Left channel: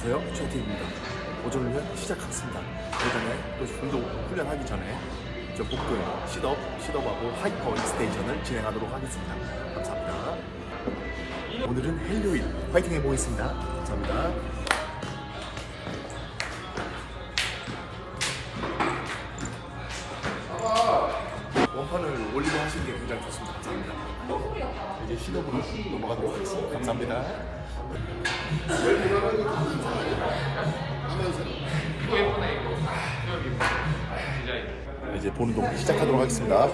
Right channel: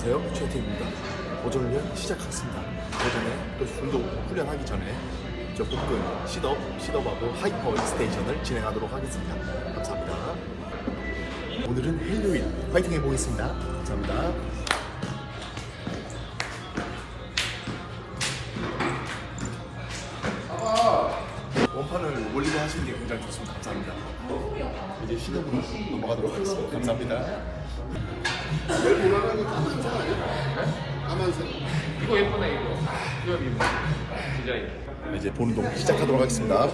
안녕하세요. 최태입니다. 오전 훈련 시작하겠습니다. 그 전에 또 운동 훈련하기 전에 저 복근, 시덥, 시덥하고 하이퍼 익스테이션을 진행하도록 하겠습니다. 감사합니다. 오늘은 헬로윈 파이팅 해보겠습니다. 감사합니다. 원판을 올리고 하시는 게 굉장히 좋습니다. 감사합니다. 이제 시덥으로 넘어가도록 하겠습니다. 감사합니다. 이거 예쁘네 이거 이거 예쁘네 디자인 이제 보는 동 시작하도록 하겠습니다.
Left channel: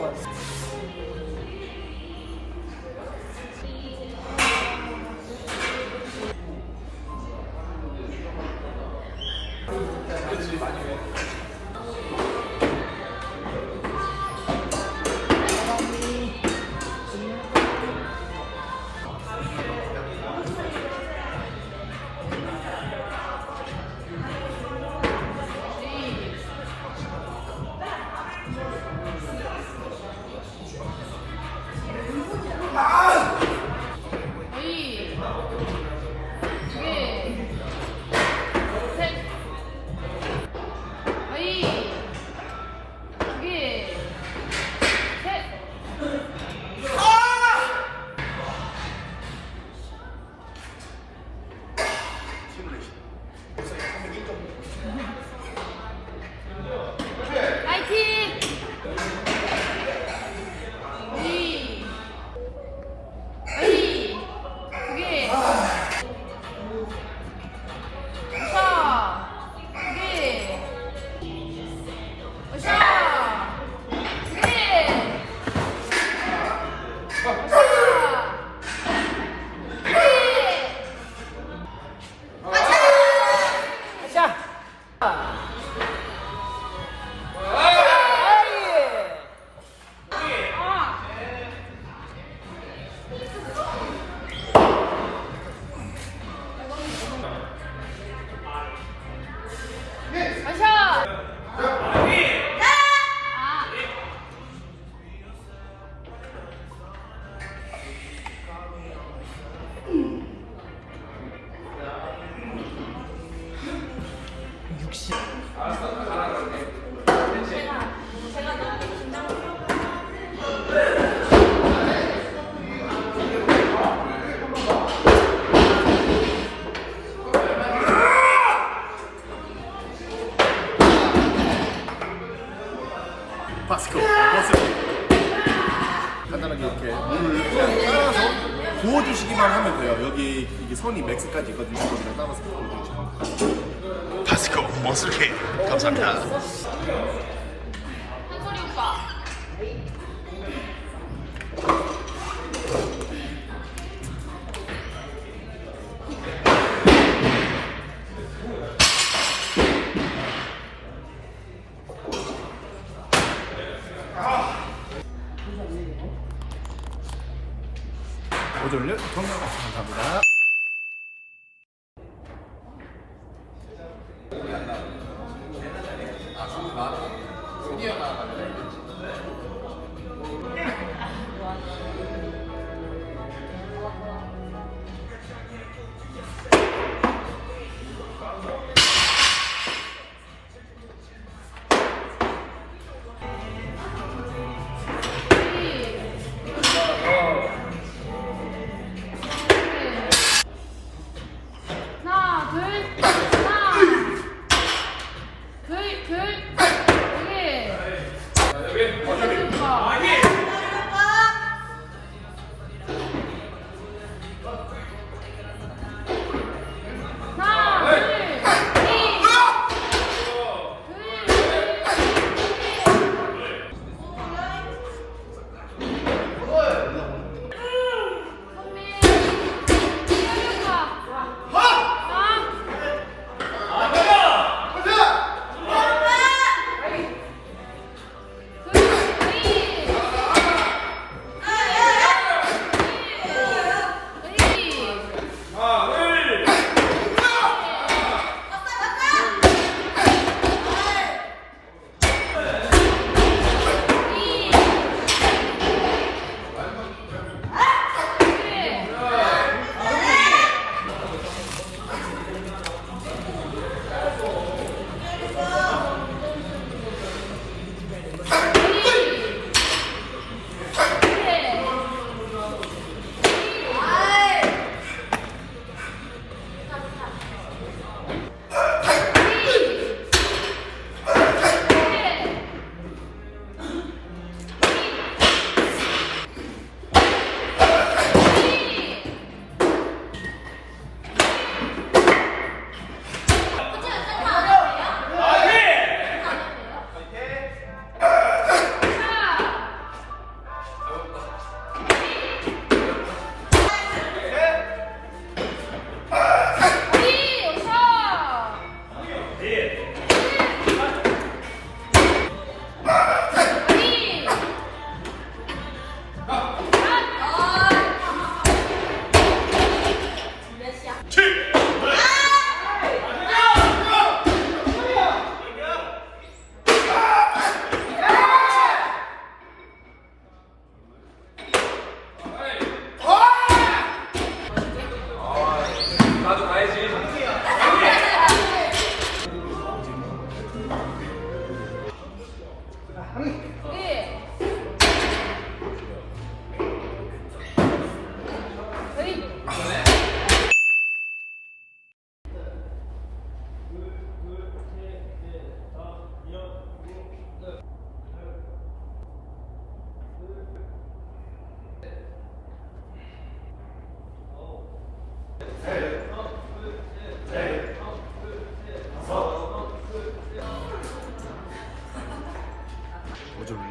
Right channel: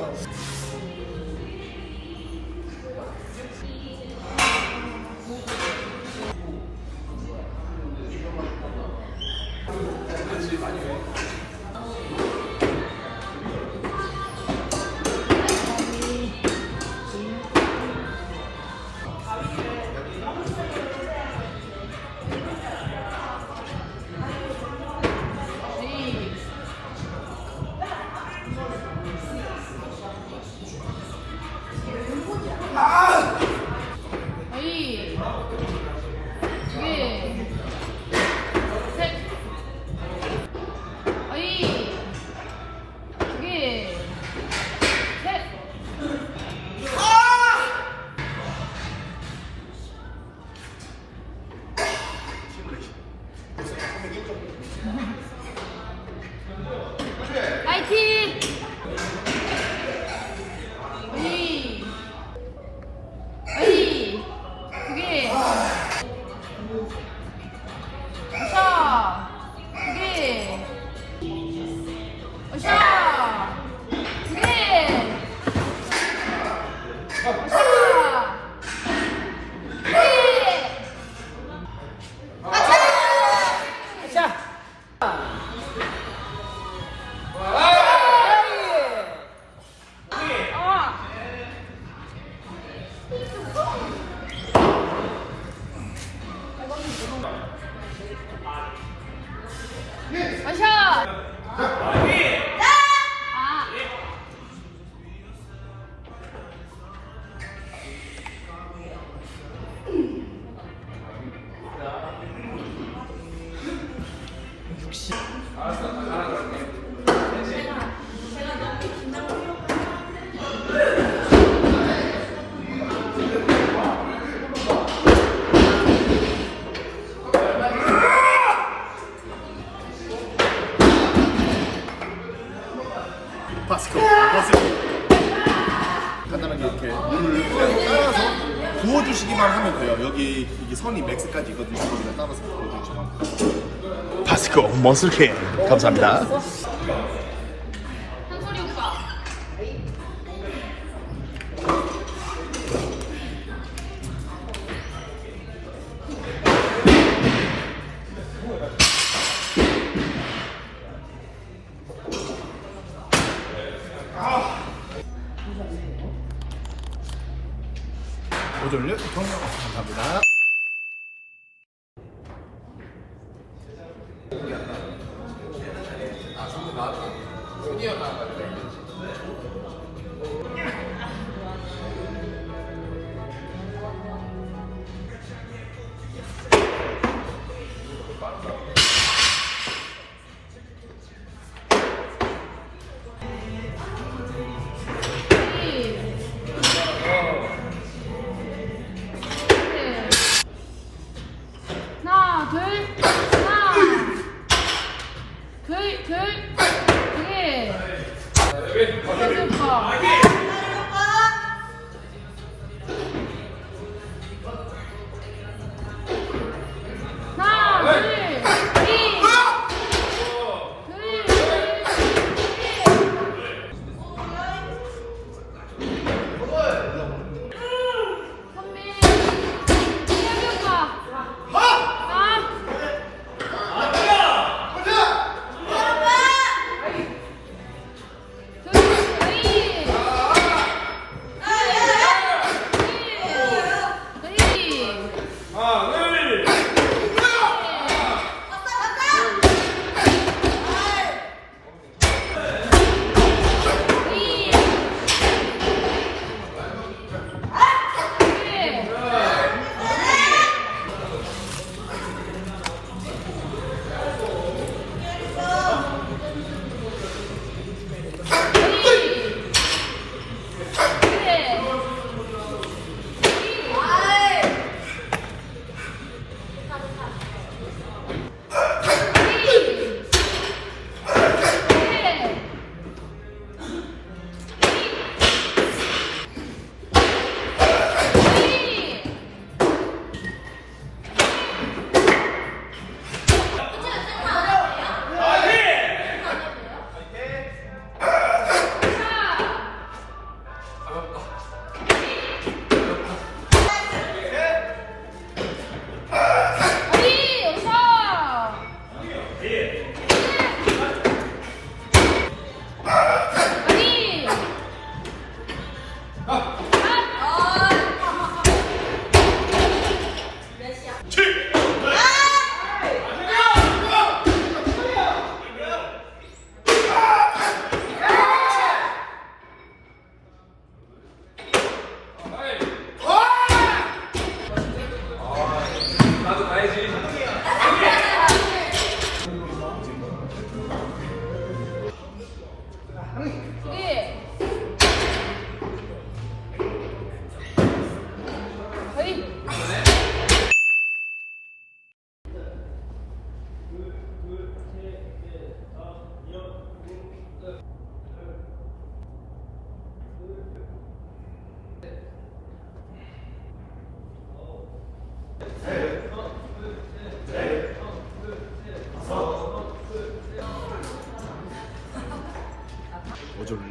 바스코 버스 간단하게 이렇게 물을 그냥 따라서 부어주시기만 하면 돼요. 여기 이게 선이 맥스까지 있거든요. 거기다 따라서 부어주시면 바스코 머슬케 감사합니다. 오전을 정량 감사합니다.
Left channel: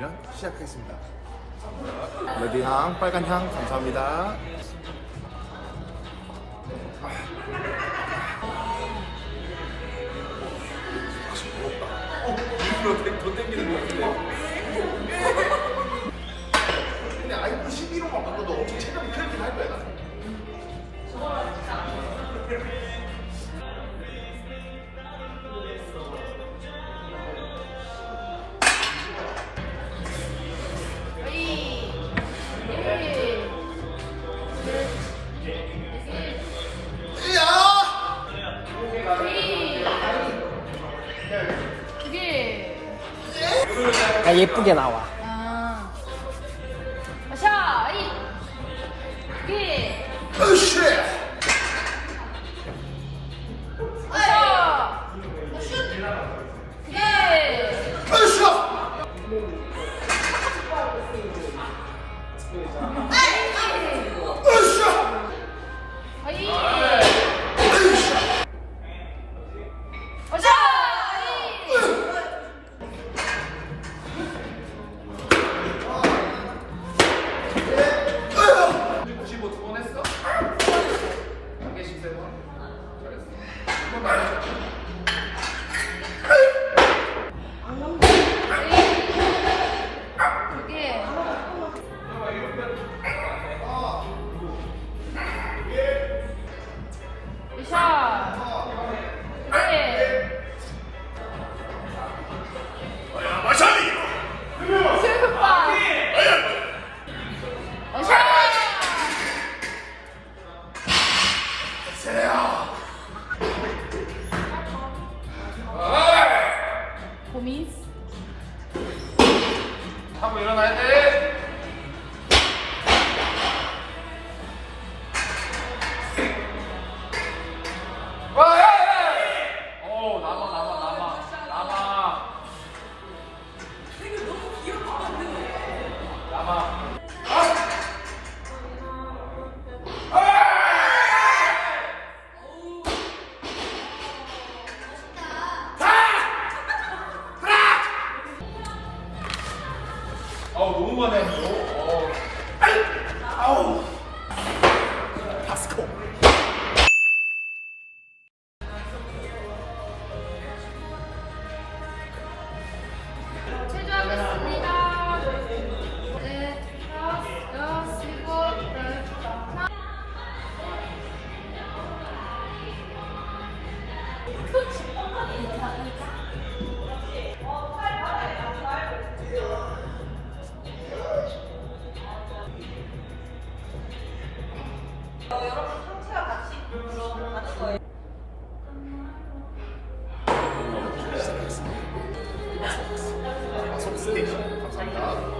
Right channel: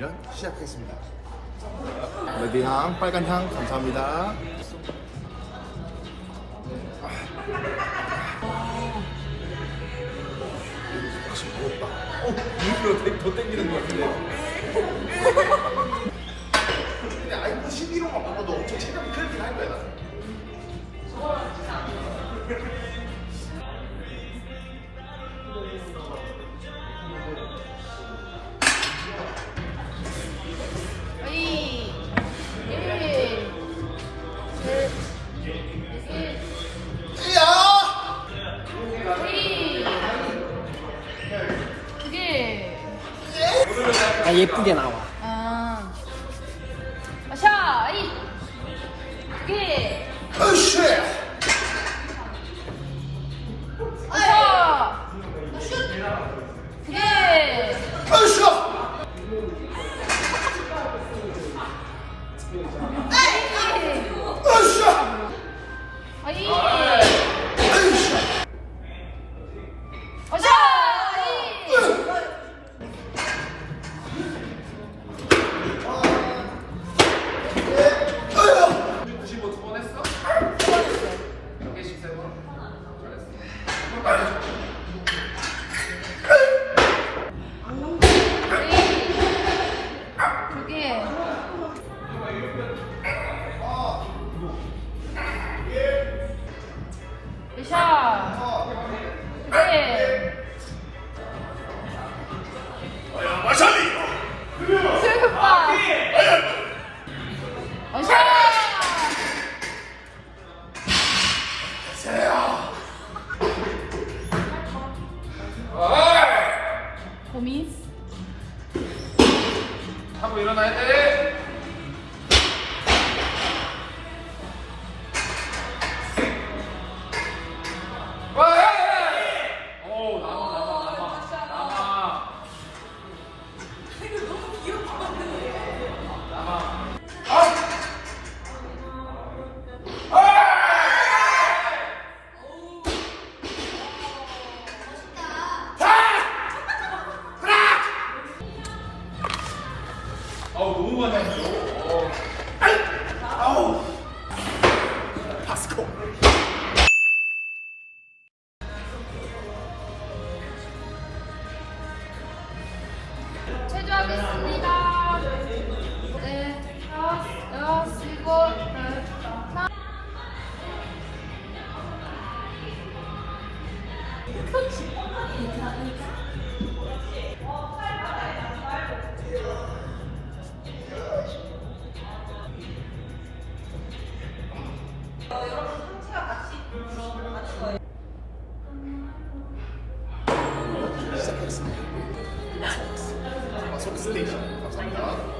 훈련 시작하겠습니다. 레드 향, 빨간 향 감사합니다. 어, 더 땡기는 것 같은데. 근데 아이폰 11호만 바꿔도 엄청 체감이 크긴 할 거야. 야, 예쁘게 나와. 음. 샤. 이. 그게. 으쌰! 샤. 슛. 그게. 으쌰! 으쌰! 그 하고 일어나 어. 아우! 박스코! 여덟, 하나. 훈련 시작 하겠습니다. 마소스. 마소스 스테이션. 감사합니다.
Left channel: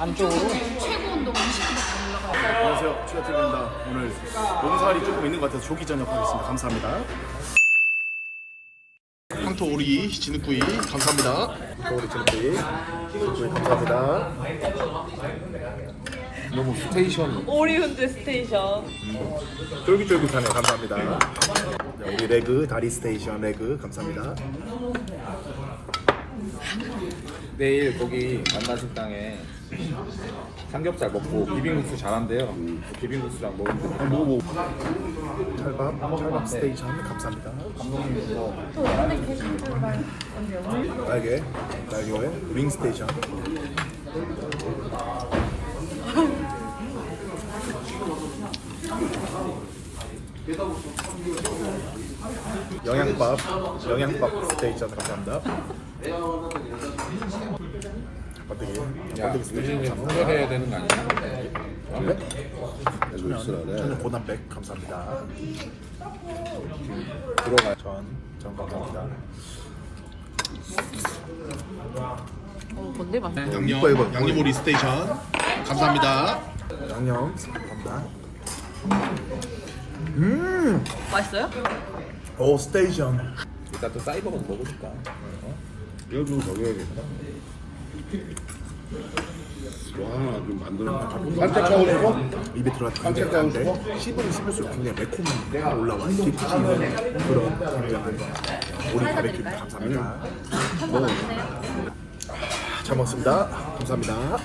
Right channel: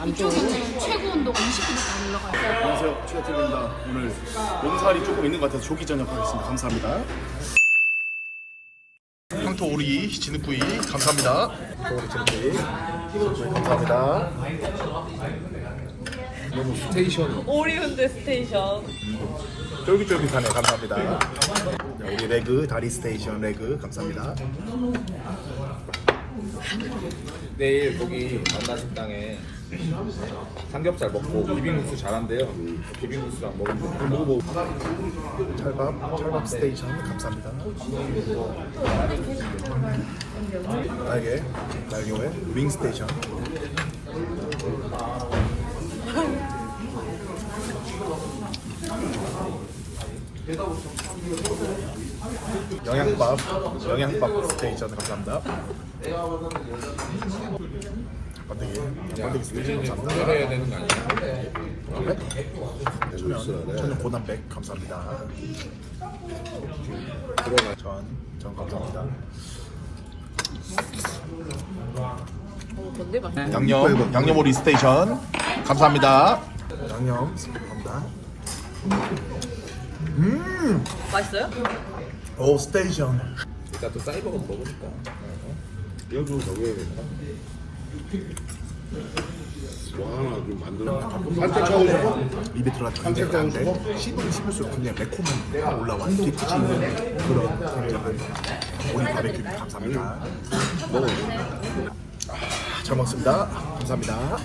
안쪽으로. 안녕하세요. 추가TV입니다. 오늘 몸살이 조금 있는 것 같아서 조기 저녁 하겠습니다. 감사합니다. 황토 오리 진흙구이 감사합니다. 황토 오리 진흙구이 진흙구이 감사합니다. 너무 스테이션이 오리운드 스테이션. 쫄깃쫄깃하네 감사합니다. 네, 우리 레그 다리 스테이션 레그 감사합니다. 내일 거기 만나 식당에 삼겹살 먹고 비빔국수 잘한대요. 비빔국수랑 먹으면 먹어보고 찰밥 찰밥 스테이션 감사합니다. 날개 날개에 윙 스테이션. 영양밥 영양밥 스테이션 감사합니다. 번데기 번데기 스테이션 감사합니다. 홍보해야 되는 거 아니야? 네? 천연 천연 고단백 감사합니다. 들어가. 전, 전 감사합니다. 뭔데 봐. 양념, 양념 오리 스테이션 감사합니다. 양념 감사합니다. 음, 맛있어요? 오 스테이션. 일단 또 사이버거 먹으니까. 이것도 저기 해야겠다. 뭐 하나 좀 만들어. 산책장으로 입에 들어가도 굉장히 안 돼. 씹으면 씹을수록 굉장히 매콤한 올라와. 깊이 있는 그런 굉장한 오리 바베큐 감사합니다. 아, 잘 먹습니다. 감사합니다.